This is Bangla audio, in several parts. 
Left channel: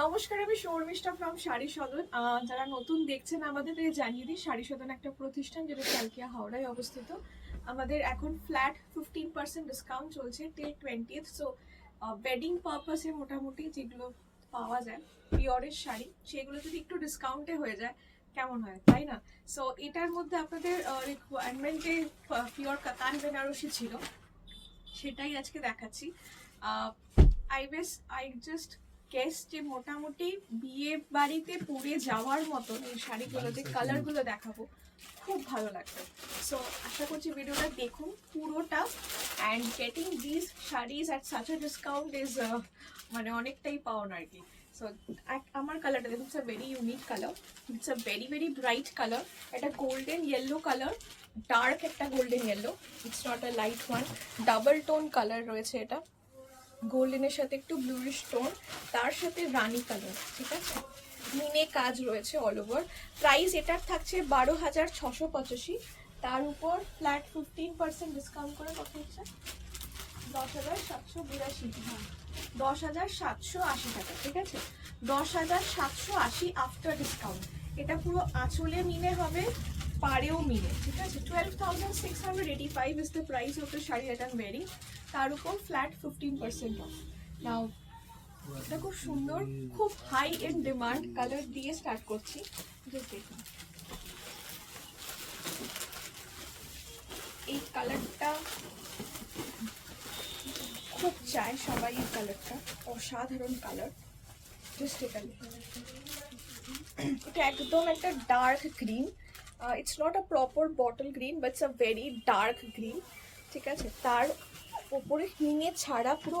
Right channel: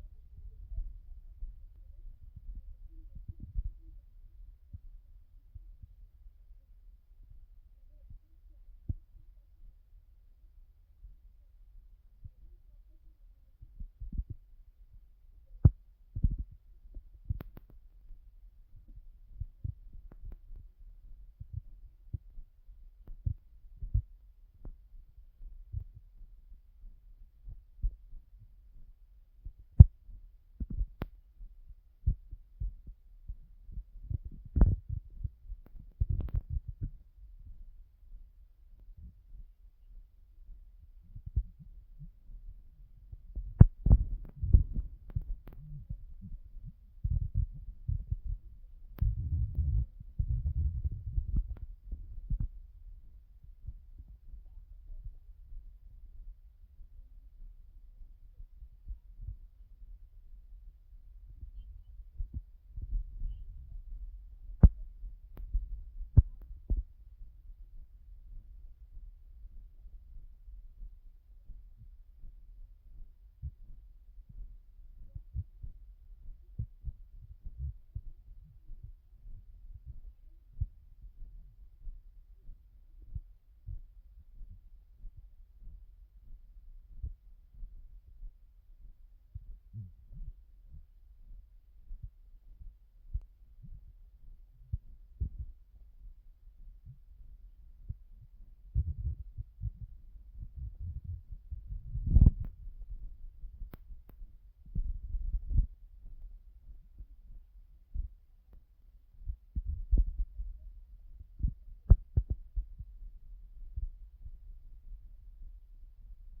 নমস্কার, আমি শর্মিষ্ঠা ফ্রম শাড়ি সদন। যারা নতুন দেখছেন আমাদের জানিয়ে দিই, শাড়ি সদন একটা প্রতিষ্ঠান যেটা চালকিয়া হাওড়ায় অবস্থিত। আমাদের এখন ফ্ল্যাট 15% ডিসকাউন্ট চলছে টিল 20th। সো ওয়েডিং পারপাসে মোটামুটি যেগুলো পাওয়া যায় পিওরের শাড়ি, সেগুলো যদি একটু ডিসকাউন্টে হয়ে যায় কেমন হয়, তাই না? সো এটার মধ্যে আপনাদের রিকোয়ারমেন্টে পিওর কাতান বেনারসি ছিল, সেটাই আজকে দেখাচ্ছি। আই জাস্ট গেস যে মোটামুটি বিয়ে বাড়িতে পরে যাওয়ার মতন এই শাড়িগুলো, যে কালারগুলো দেখাবো খুব ভালো লাগবে। সো আশা করছি ভিডিওটা দেখুন পুরোটা। And getting this saris at such a discount is মানে অনেকটাই পাওয়ার আর কি। সো আমার কালারটা দেখুন, it's a very unique colour, it's a very very bright colour. এটা গোল্ডেন ইয়েলো কালার, ডার্ক একটা golden yellow, it's not a light one. Double tone colour রয়েছে, এটা গোল্ডেনের সাথে একটু ব্লুইশ টোন, তার সাথে রানী কালার, ঠিক আছে? মিনে কাজ রয়েছে অল ওভার। প্রাইস এটার থাকছে 12,685, তার উপর ফ্ল্যাট 15% ডিসকাউন্ট করে কত হচ্ছে? 10,782। হ্যাঁ, 10,780 টাকা, ঠিক আছে? 10,780 আফটার ডিসকাউন্ট। এটা পুরো আঁচলে মিনে হবে, পাড়েও মিলে, ঠিক আছে? 12,685 is the price of the sari that I am wearing. তার উপর ফ্ল্যাট 15% অফ। নাও এটা খুব সুন্দর, খুব হাই ইন ডিমান্ড কালার দিয়ে স্টার্ট করছি। জাস্ট দেখুন এই কালারটা, খুব চায় সবাই এই কালারটা, অসাধারণ কালার। জাস্ট এটা এটা একদম একটা dark green, it's not a proper bottle green but it's a very dark green, ঠিক আছে? তার ওপরে হিঙে ছাড়া পুরো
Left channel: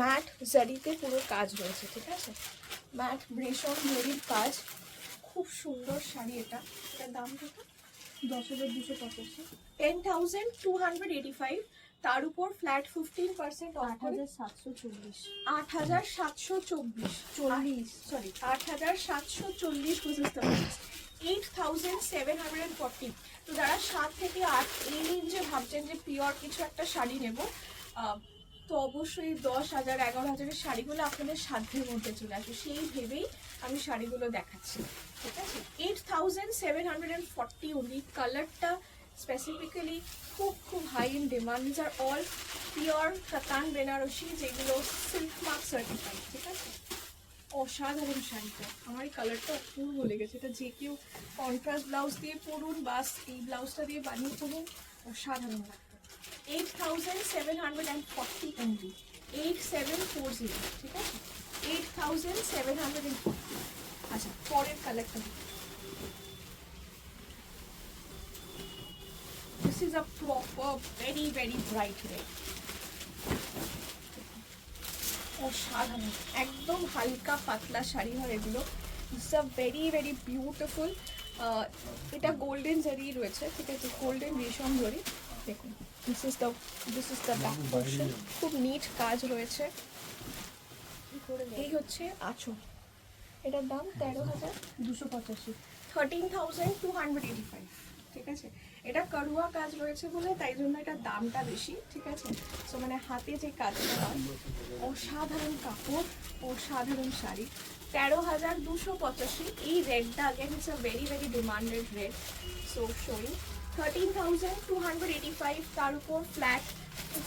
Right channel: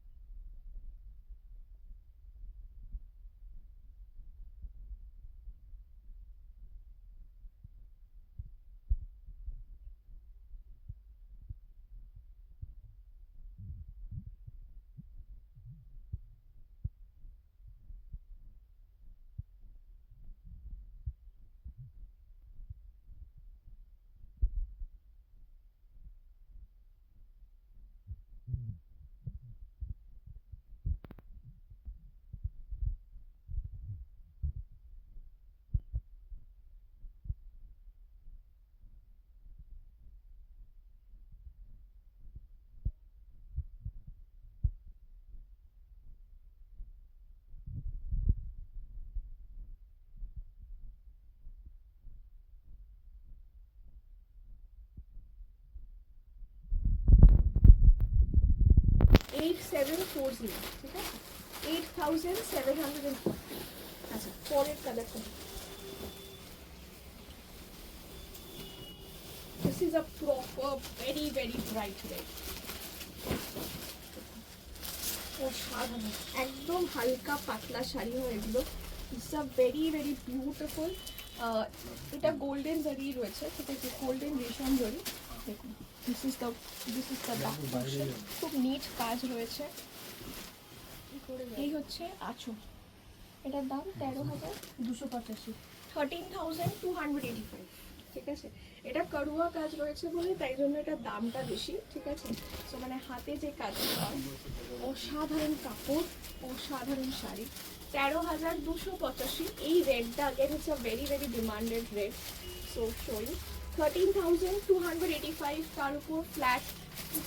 ম্যাট জারিতে পুরো কাজ রয়েছে, ঠিক আছে? ম্যাট ব্রেশন জরির কাজ, খুব সুন্দর শাড়ি। এটার দাম কত? 10,285, 10,285। তার উপর ফ্ল্যাট 15% অফ করে 8,740, 8,740, সরি 8,740 8,740। তো যারা 7 থেকে 8 এই রেঞ্জে ভাবছেন যে পিওর কিছু একটা শাড়ি নেব, তো অবশ্যই 10,000 11,000-এর শাড়িগুলো আপনাদের সাধ্যের মধ্যে চলে আসবে, সেই ভেবেই আমি শাড়িগুলো দেখাচ্ছি, ঠিক আছে? 8,740 অনলি। কালারটা স্পেসিফিক্যালি খুব খুব high in demand. This are all pure katan Benarasi, যেগুলো সিল্ক মার্ক সার্টিফাইড, ঠিক আছে? অসাধারণ শাড়িটা, আমার এই কালারটা অপূর্ব লেগেছে। এটা যে কেউ কন্ট্রাস্ট ব্লাউজ দিয়ে পরুন বা এই ব্লাউজটা দিয়ে বানিয়ে পরুন, অসাধারণ লাগবে। 8,740 অনলি, 8,740, ঠিক আছে? 8,740। আচ্ছা, পরের কালারটা, this is a proper very very bright red, অসাধারণ একদম হালকা পাতলা শাড়ি হয় এগুলো। It's a very very beautiful. এটা গোল্ডেন জারি রয়েছে, ঠিক আছে? গোল্ডেন রেশম জারি। দেখুন, this is the back portion, খুব নিট কাজ রয়েছে। এই হচ্ছে আঁচল। এটার দাম 13,285, 13,285, ঠিক আছে? এটা কারুয়া কাজ রয়েছে বলে তাই জন্য এটার দামটা বেশি, ঠিক আছে? সো মানে হাতে যে কাজটা, অসাধারণ কাপড়, অসাধারণ শাড়ি। 13,285। এই রেডটা again it's a very very demanded red. So showing 13,285, তার উপর ফ্ল্যাট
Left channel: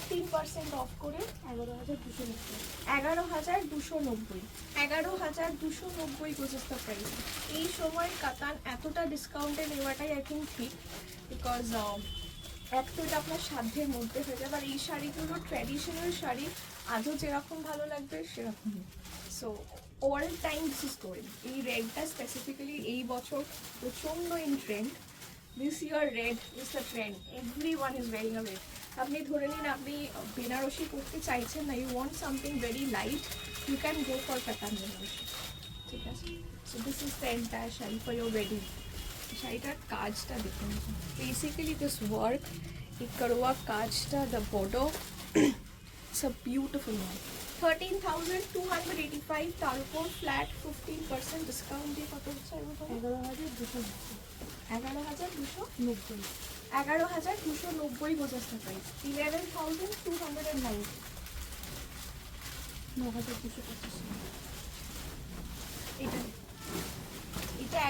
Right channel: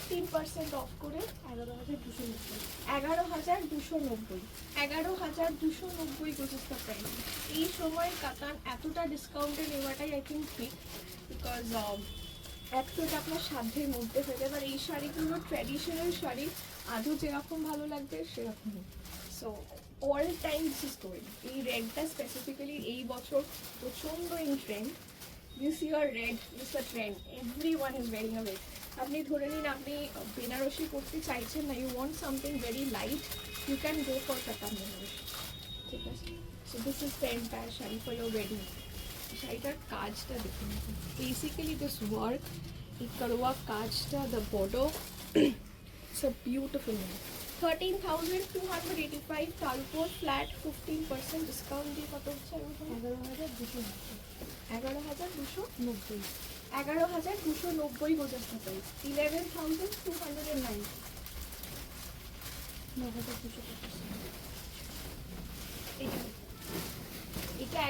15% অফ করে 11,290, 11,290, 11,290 গোজেস্তা প্রাইস। এই সময়ের কাতান এতটা ডিসকাউন্টে নেওয়াটাই আই থিঙ্ক ঠিক, বিকজ এক তো এটা আপনার সাধ্যের মধ্যে হয়ে যাবে, আর এই শাড়িগুলো ট্র্যাডিশনাল শাড়ি, আজও যেরকম ভালো লাগবে সেরকমই। So all time this is going. এই রেডটা স্পেসিফিক্যালি এই বছর প্রচণ্ড in trend. This year red is the trend, everyone is wearing a red. আপনি ধরে নিন আপনি বেনারসি করতে চাইছেন না, you want something very light, you can go for katan Benarasi, ঠিক আছে? So this is the entire sari for your wedding. শাড়িটার কাজটা দেখুন, বেসিক্যালি দিস ওয়ার্ক, এই করোয়া কাজটা, the border, it's a beautiful work. 13,285, তার উপর ফ্ল্যাট 15% ডিসকাউন্ট দিয়ে কত হচ্ছে? 11,290, 11,290, 11,290 গোজাস্তা প্রাইস। 11,290, 9,285,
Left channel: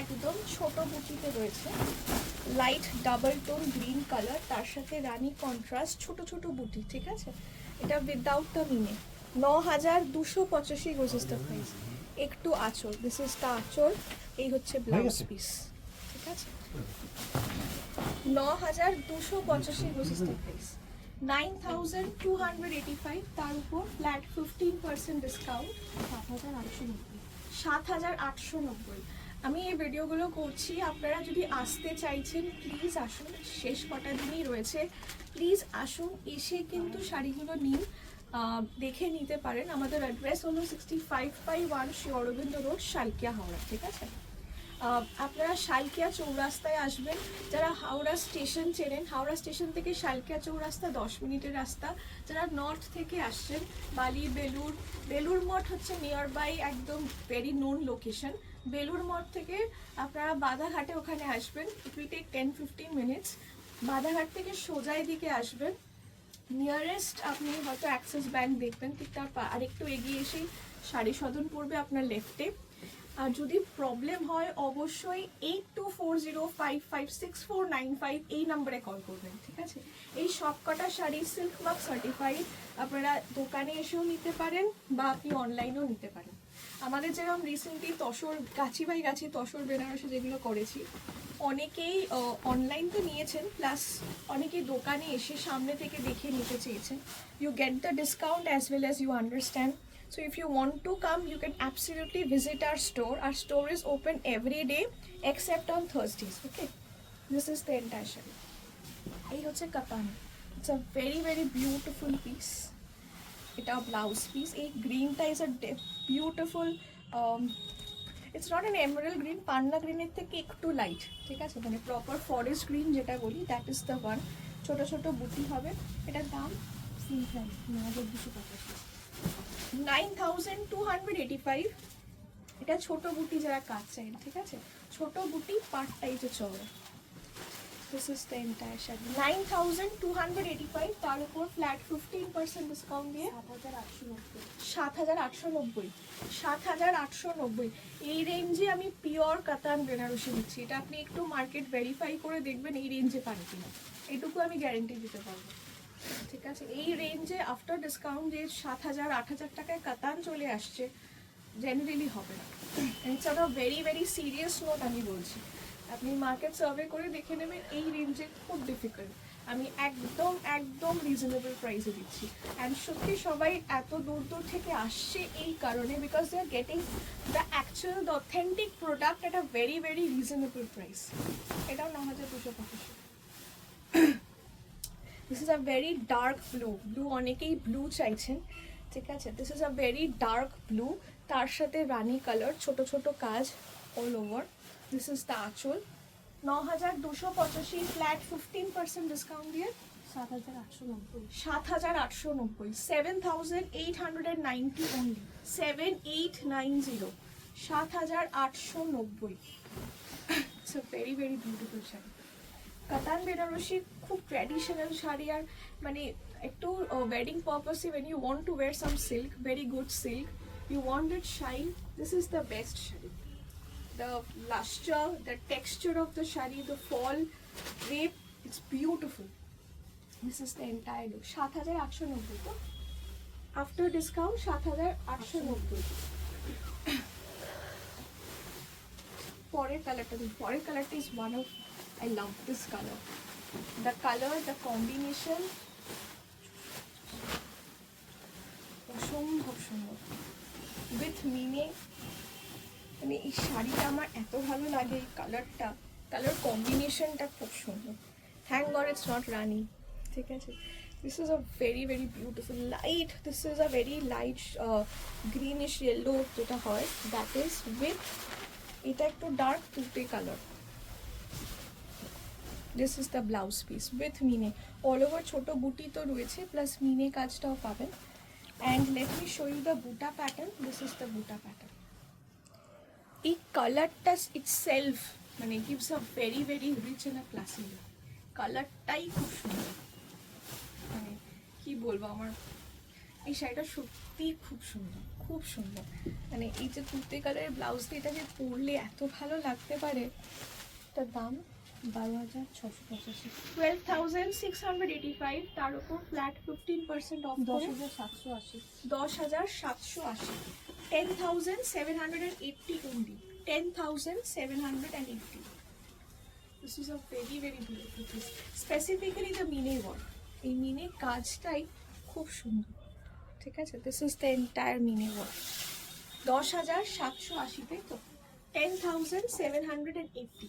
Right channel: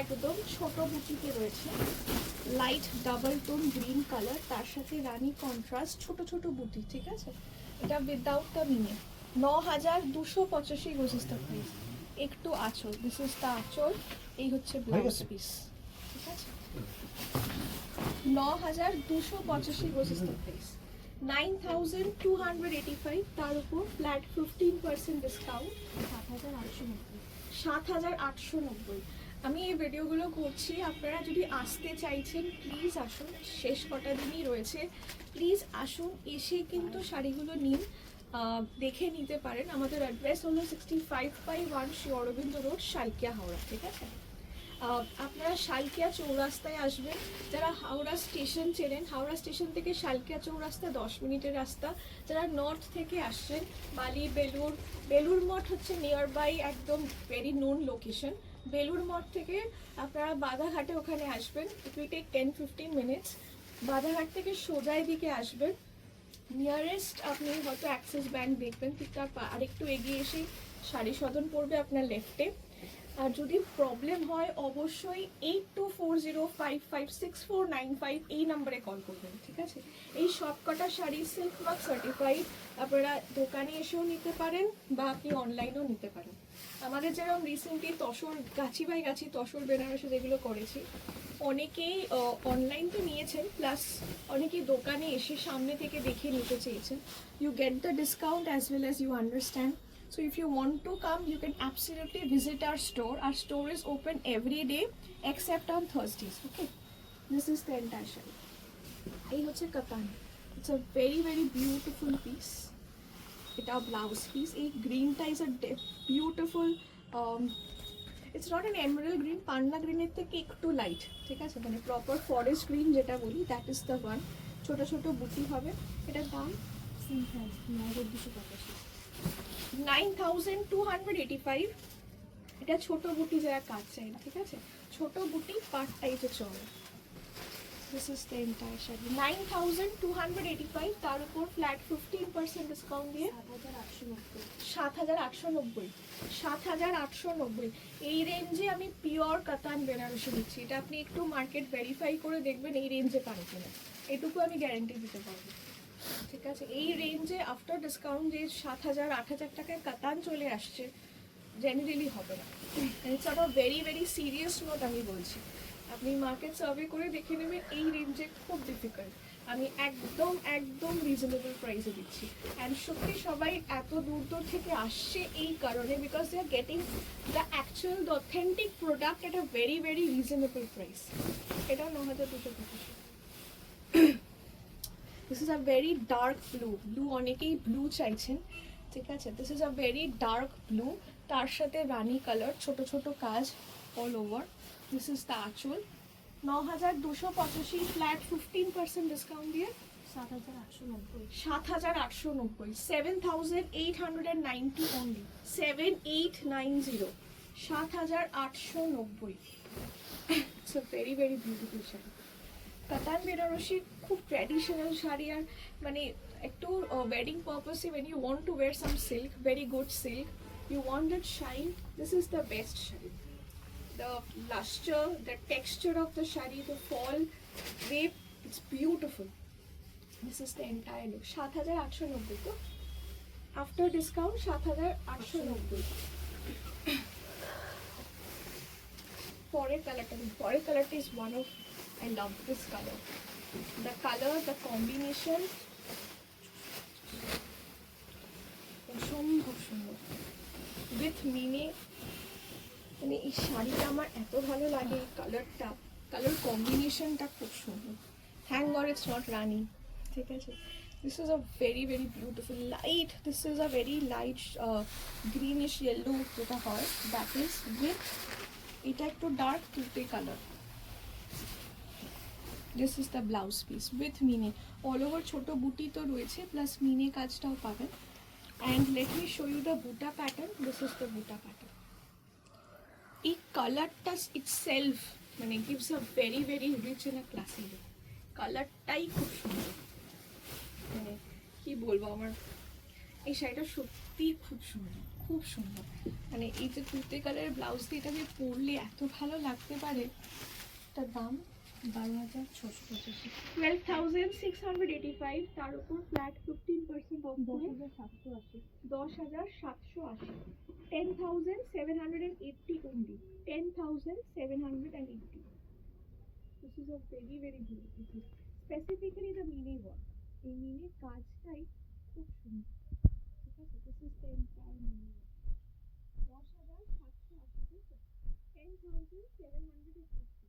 একদম ছোট বুটিতে রয়েছে, light double tone green colour, তার সাথে রানী কন্ট্রাস্ট, ছোট ছোট বুটি, ঠিক আছে। এটা উইদাউট দ্য মিনে 9285 গোজেস দ্য প্রাইস। একটু আঁচল, দিস ইজ দ্য আঁচল, এই হচ্ছে ব্লাউজ পিস, ঠিক আছে। 9285 গোজেস দ্য প্রাইস। 9285, তার উপর ফ্ল্যাট 15% ডিসকাউন্ট, 7890। আমি এই ভিডিওগুলো করছি, আপনারা যদি আসতে চাইছেন প্লিজ আসুন, শেষ কটা দিনই রয়েছে, প্লিজ আসুন, এসে কিন্তু শাড়িগুলো নিন, দেখে নিতে পারেন। আমাদের অ্যাড্রেস হলো 65/1 শ্রী অরবিন্দ রোড, শালকিয়া, হাওড়া, ঠিক আছে। আপনারা শালকিয়া চৌরাস্তায় আসবেন, যারা হাওড়া স্টেশন চেনেন, হাওড়া স্টেশন থেকে শালকিয়া চৌরাস্তা 10 মিনিটের রাস্তা। যারা নর্থ থেকে আসছেন, বালি, বেলুর মঠ হচ্ছে নিয়ার বাই, একদম very known location. Belur Math থেকে আপনারা বাধাঘাটে ওখানে আসবেন, it will take 10-15 minutes. Badhaghat থেকে সোজাই দিকে আসবেন, নিয়ারেস্ট আপনি হয়তো অ্যাক্সিস ব্যাংক দেখবেন, ঠিক তার আরেকটু এগিয়ে এসে শাড়ি সদন পড়বে আপনার লেফটে। আর যদি প্রবলেম হয় অবশ্যই 8240556495 এই নাম্বারে কল করবেন, ঠিক আছে। এই সবকটা শাড়ি সিল্ক মার্ক সার্টিফাইড, আপনারা দোকানে এসেও নিতে পারেন বা আপনি অনলাইনেও নিতে পারেন। আমাদের যেরকম রিসেন্টলি তসর গাছি বাই গাছি তসর বেনারসি যেগুলো করেছি, অনেকেই অনলাইন তো নিয়েছেন, প্লাস অনেকেই দোকানে এসে সামনে থেকে দেখে নিতে চেয়েছেন। You get the discount as well as you understand. So if you want to come, you can absolutely visit our store. Our store is open every day except on Thursdays. Okay, this is the entire shop. এই হচ্ছে কাতান, it's a very very beautiful piece. এটা ব্লাউজ পিস, এই গ্রিনটা is a beautiful, it's not an emerald green, পান্না গ্রিনের থেকে একটু লাইট, ঠিক আছে, মানে প্রপার ফরেস্ট গ্রিন যেটা বলি, দ্যাট ইজ দ্য ওয়ান। ছোটো ছোটো বুটি হবে, এটার দাম সেম প্রাইস 9285। এটা ছোট বুটি যারা কাজ চাই না, ঠিক আছে, ছোট বুটি পার্টটা এই যে চলে। This is the entire sari 9285, তার উপর ফ্ল্যাট 15% ডিসকাউন্ট দিয়ে 7890। 7890 এই রেঞ্জে আমি পিওর কাতান বেনারসি দিচ্ছি। এটা আপনি একটু মার্কেট ভেরিফাই করে দেখবেন এই রেঞ্জে পান কিনা, এটুকু আমি গ্যারেন্টি দিতে পারবো, ঠিক আছে। এই রেঞ্জে আফটার ডিসকাউন্ট যে 7000-8000 টাকায় কাতান চলে আসছে, জেনারেলি হবে না। It's a very very serious note আমি বলছি, আপনি মার্কেট সার্ভে করে দেখে নেবেন, এই রেঞ্জে খুব ডিফিকাল্ট। আমি একদম একদম রিজনেবল প্রাইসে দিচ্ছি। অ্যান্ড সত্যি সবাই এত দূর দূর থেকে আসছে এই কারণে, because they are getting the actual the authentic product at a very very reasonable price. এটাও 9285। This is a very dark blue, অনেকেই ব্লু চাইছেন, ঠিক আছে। This is a very dark blue, তার সাথে রানি কালার, ছোট ছোট কাজ all over. This is the aanchal, 9285, flat 15% discount দিয়ে 7890। 7890 only, 7890, 7890। It's a very very beautiful sari. Katan Benarasi খুব ট্র্যাডিশনাল শাড়ি, আর মানে একটু ওয়েডিং পারপাসে when you want to wear some silk, very good silk, you want that shine, this is the best sari. The luster, the texture of the shari, the fall drape, it's beautiful. This is the entire look. 7890 তো after discount 7890। পরের কালারটা is one of, I love this color. The color, the combination, অসম্ভব সুন্দর with mini। মানে এই শাড়িটা আমার এত ভালো লাগে, এই কালারটা, কালার কম্বিনেশনটা খুব সুন্দর। Thank God it's not rani, ঠিক আছে। This is a very very beautiful light, this is a very light greenish yellow যেটা হয়, দ্যাট ইজ উইথ, এটা একটু ডার্ক তুতে colour. This is the blouse piece with meena, all over ছোটো বুটি তো রয়েছে, প্লাস মিনে কাজটাও পাবেন। And let me show you the buta pattern, this is the buta pattern. এই কালারটা ইটসেলফ মানে gives a very very rich and a classy look. কালারটাই খুব সুন্দর, মানে কি বলবো, আমার এই শাড়িটা সত্যিই খুব সুন্দর, খুব সুন্দর, মানে এই যে তুতে কালারের ব্লাউজ দিয়ে এটাকে পরলে এত ভালো লাগতে পারে। এটার দাম 12,685। 12,685, তার উপর ফ্ল্যাট 15% অফ করে 10,780। 10,780, 10,780 only, 10,780. This is a very very beautiful piece, specifically the mine work. এই মিনে কাজটাই খুব সুন্দর, ঠিক আছে। দিস ইজ দ্য এন্টায়ার মিনে ওয়ার্ক। 10,780, তাই তো, 10,780।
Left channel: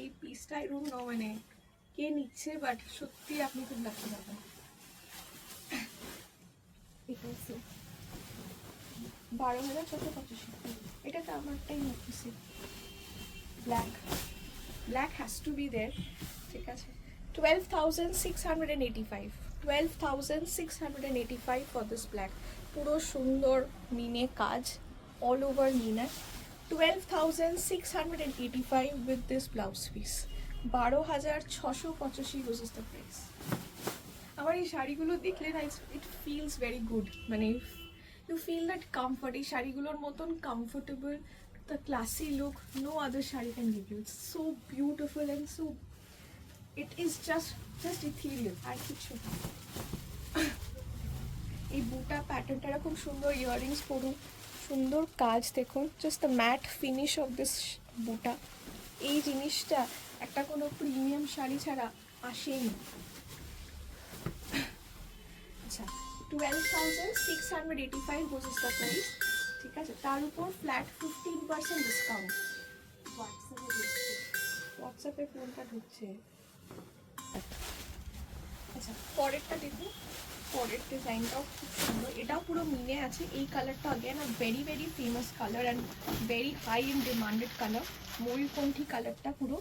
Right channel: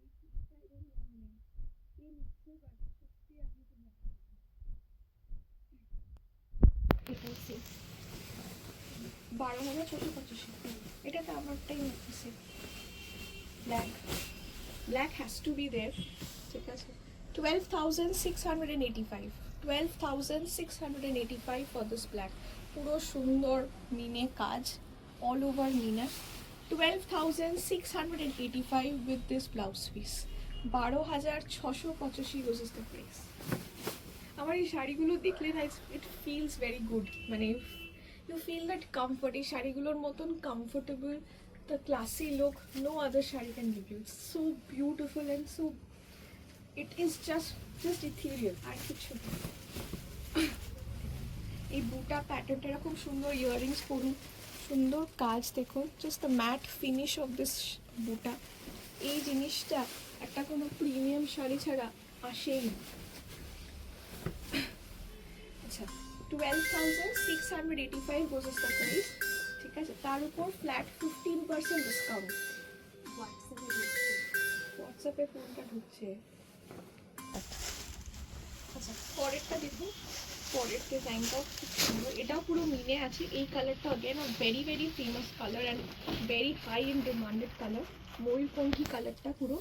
এই পিসটা এরকম ন, মানে কে নিচ্ছে, বাট সত্যি আপনি খুব লাকি পাবেন। এটা হচ্ছে 12,685, এটা তো আমারটাই নিচ্ছে। Black, black has to be there, ঠিক আছে। 12,685, 12,685 ফর দিস ব্ল্যাক। পুরো সুন্দর মিনে কাজ, all over meena. 12,685 with this blouse piece. 12,685 was is the price. আমার এই শাড়িগুলো দেখলে না, ইট ফিলস ভেরি গুড, মানে ইউ ফিল দ্যাট কমফর্ট। এই শাড়িগুলোর মতন comfortable, the classy look, no other sari can give you. It's so beautiful and so, it is just ethereal. আর কিছু না। এই বুটা প্যাটার্নটা খুব সুন্দর, ইয়াররিংস পরুন, সুন্দর কাজ দেখুন, just the mat finish of this বুটা। এই জিনিসটা একটা কোনো প্রিমিয়াম শাড়ি ছাড়া আসেই না। আচ্ছা, 12,685 was the price, ঠিক আছে। তার উপর ফ্ল্যাট 15% ডিসকাউন্ট। হোয়াটসঅ্যাপে ফোনটা ঢুকছে। আচ্ছা, পরেরটা দেখুন, পরের ডিজাইনটাও খুব সুন্দর, এটাও পুরো মিনে আছে। এই কালারটা again a very very famous colour and very high in demanded colour. ময়ূরকণ্ঠী কালারটা, পুরো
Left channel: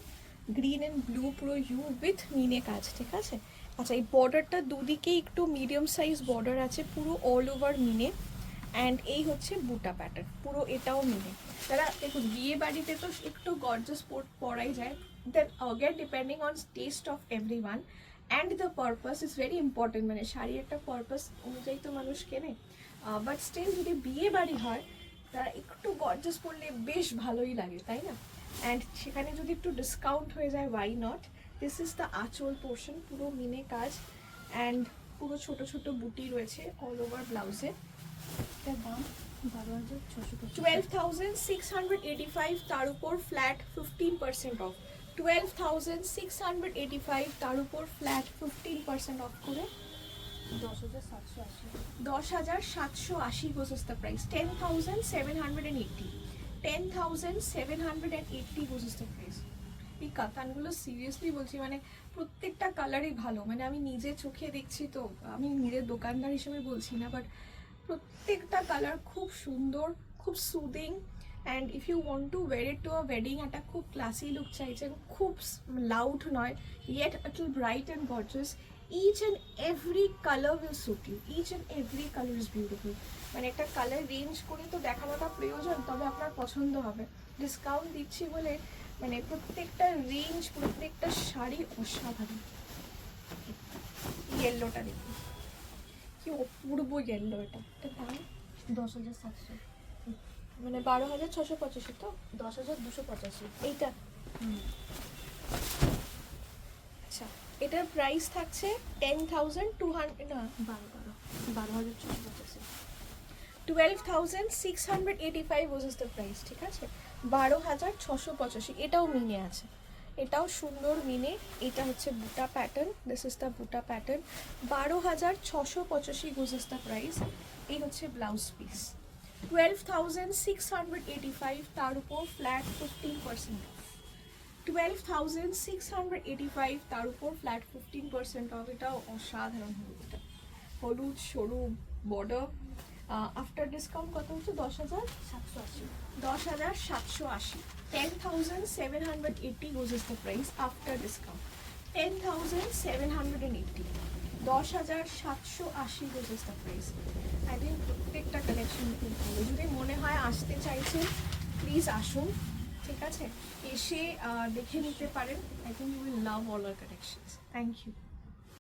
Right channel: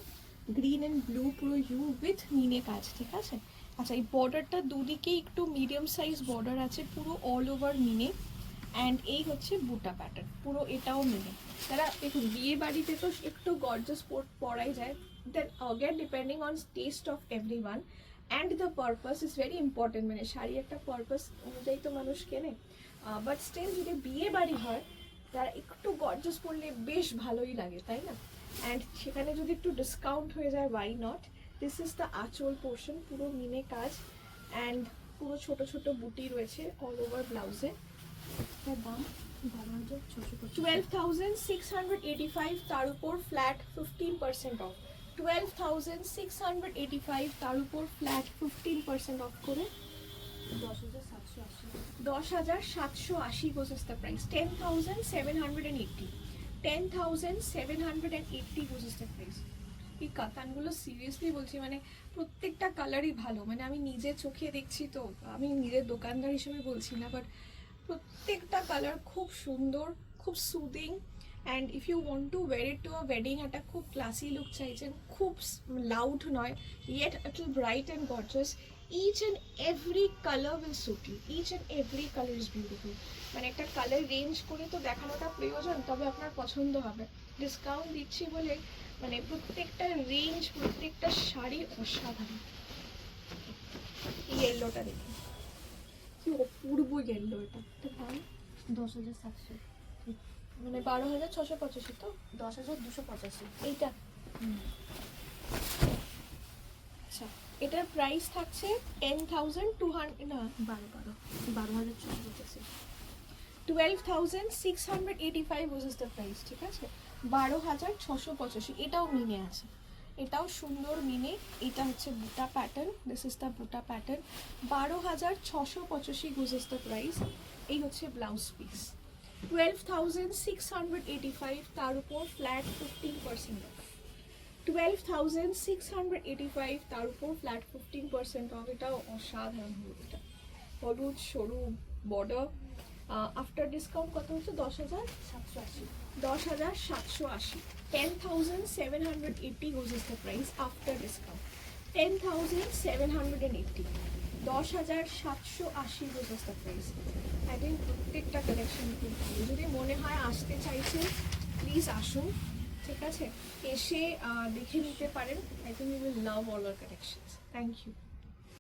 গ্রিন অ্যান্ড ব্লু, পুরো ইউ উইথ মিনে কাজ, ঠিক আছে। আচ্ছা, এই বর্ডারটা দুদিকেই একটু মিডিয়াম সাইজ বর্ডার আছে, পুরো অল ওভার মিনে। অ্যান্ড এই হচ্ছে বুটা প্যাটার্ন, পুরো এটাও মিনে। তারা দেখুন, বিয়ে বাড়িতে তো একটু গর্জাস পরাই যায়, then again depending on taste of everyone and the purpose is very important. মানে শাড়ি একটা পারপাস অনুযায়ী তো মানুষ কেনে, বাট স্টিল যদি বিয়ে বাড়ি হয়, তারা একটু গর্জাস পরলে বেশ ভালোই লাগে, তাই না। অ্যান্ড সেখানে যদি একটু ডিসকাউন্ট হয়ে যায়, why not. This is the aanchal portion, পুরো মিনে কাজ অ্যান্ড পুরো ছোট ছোট বুটি রয়েছে অল ওভার ব্লাউজে। এটার দাম 12,685। 12,685, তার উপর ফ্ল্যাট 15% অফ। 12,685, তার উপর ফ্ল্যাট 15% অফ করে 10,780। 10,780 was the price. 10,780, 10,780 was the price. এই কাতানগুলো সিরিয়াসলি বলছি, মানে প্রত্যেকটা কালারই ভালো, মানে আমি নিজে চোখে দেখছি তো, আমি নিজের দোকানদার হিসেবে বলছি না, বাট প্রত্যেকটা কালার খুব সুন্দর, খুব soothing. And if you want to wear it to a wedding, একটা খুব ক্লাসি লুক চাইছেন, খুব লাউড নয়, yet little bright and gorgeous, each and every color will suit you, each and every color is beautiful. মানে একটা কালার রেঞ্জ করে তো দেখানোটা প্রয়োজন, তবে আপনার পছন্দ হবে। ডিসকাউন্ট দিচ্ছি বলে মানে প্রত্যেকটা রেঞ্জ, প্রত্যেকটা শাড়ি অসাধারণ। ইয়েলোটা দেখুন, কি অপূর্ব ইয়েলো, এটা দাম 10,700। মানে 12,685 তো, 10,285। এইটা। আচ্ছা, এটার প্রাইস থাকছে 10,200, না 12,685। 12,685 was the price, ঠিক আছে। 12,685, এটাও মিনে আছে, এটাও সুন্দর মিনে। এটা হচ্ছে বুটা pattern, this is the buta pattern. 12,685 was the price। এই হচ্ছে ব্লাউজ পিস। 12,685, তার উপর ফ্ল্যাট 15% অফ। 12,685, তার উপর ফ্ল্যাট 15% অফ। এটাও অসাধারণ হলুদটা, হলুদ সরু বর্ডার। আফটার ডিসকাউন্ট কত হচ্ছে? 10,780। 10,780, 10,780 was the price after discount. 10,780, 10,780 was the price. I think প্রত্যেকটা কালেকশন খুব ভালো। যদি মনে হয় আসতে চাইছেন, প্লিজ আসুন, ঠিক আছে, এসে দেখে নিতে পারেন। I think you will love all our collections. Thank you.